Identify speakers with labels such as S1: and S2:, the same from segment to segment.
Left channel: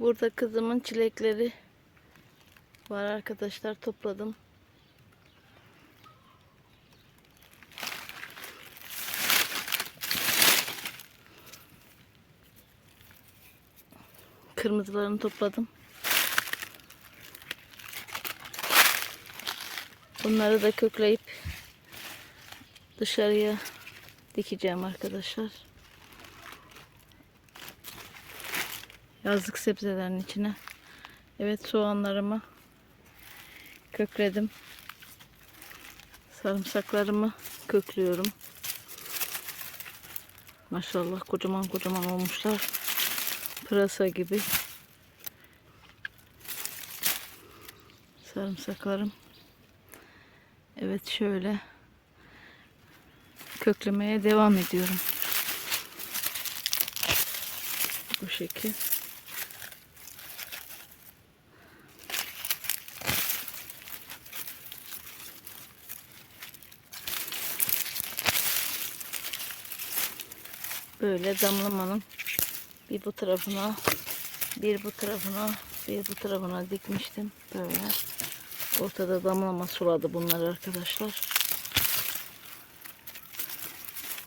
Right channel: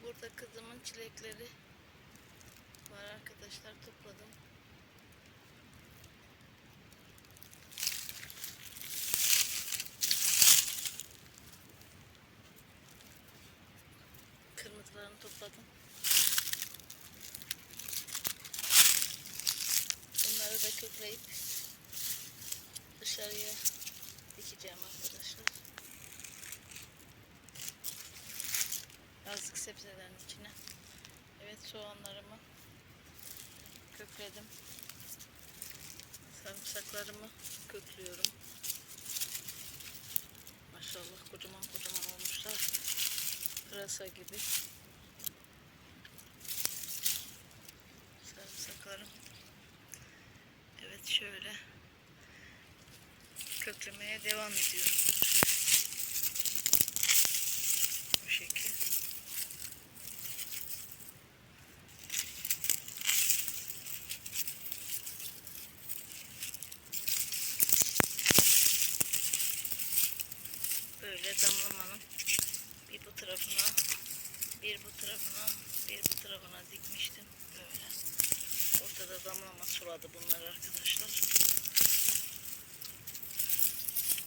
S1: Burada kızımın çilekleri var arkadaşlar topladım. Kırmızılarını topladım. Bunları da kökleyip dışarıya dikeceğim arkadaşlar. Yazlık sebzelerin içine. Evet soğanlarımı kökledim. Sarımsaklarımı köklüyorum. Maşallah kocaman kocaman olmuşlar. Pırasa gibi. Sarımsaklarım. Evet şöyle köklemeye devam ediyorum. Bu şekil. Böyle damlamanın bir bu tarafına bir bu tarafına bir bu tarafına dikmiştim. Böyle. Ortada damlama suladı bunlar arkadaşlar.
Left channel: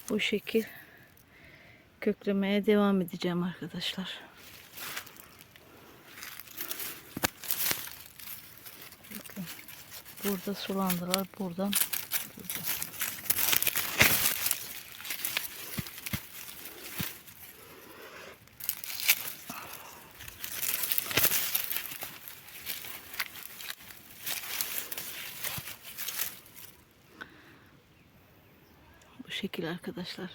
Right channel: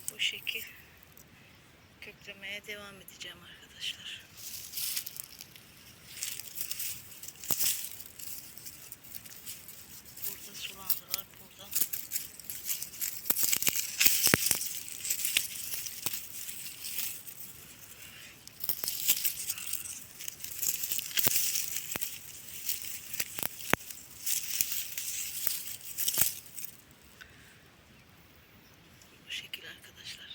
S1: Bu şekil köklemeye devam edeceğim arkadaşlar. Burada sulandılar buradan şekil arkadaşlar.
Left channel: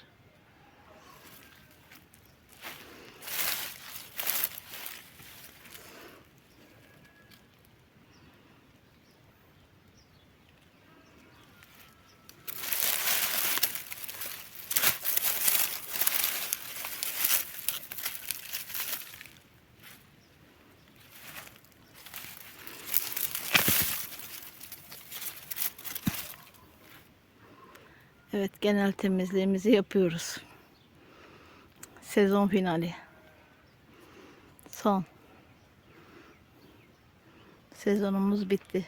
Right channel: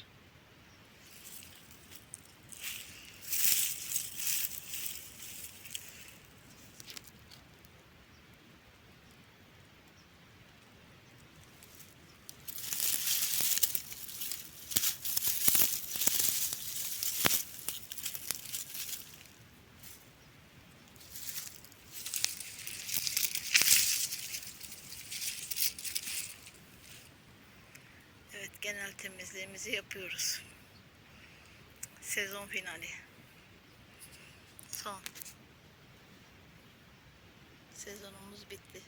S1: Evet genel temizliğimizi yapıyoruz. Sezon finali. Son. Sezonumuz bitti.